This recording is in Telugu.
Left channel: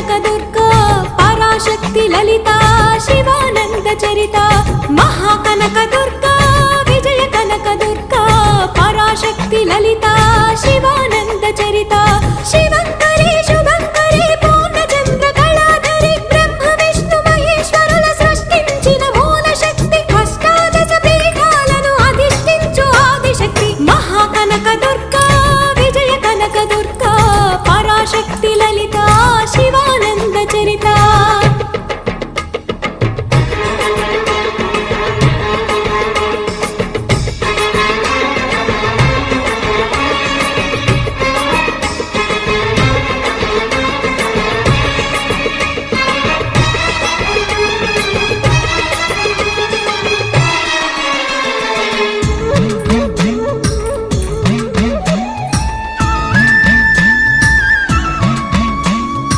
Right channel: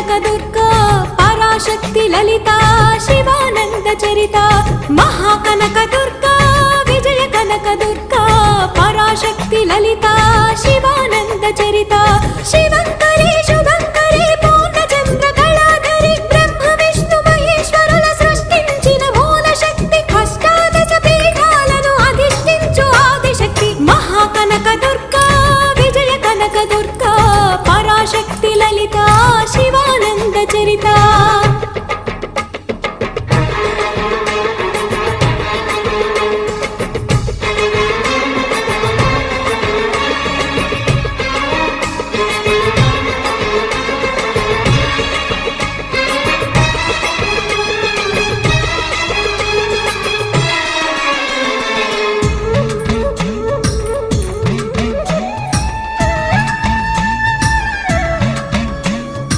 కనక దుర్గా పరాశక్తి లలిత శివానంద చరిత మహాకనక దుర్గా విజయ కనక దుర్గా పరాశక్తి లలిత శివానంద చరిత శివంకరి శుభంకరి పూర్ణచంద్ర కళాధరి బ్రహ్మ విష్ణు మహేశ్వరుల సృష్టించిన మూల శక్తి అష్టాదశ పీఠాలను అధిష్ఠించు ఆదిశక్తి మహాకనక దుర్గా విజయ కనక దుర్గా పరాశక్తి లలిత శివానంద చరిత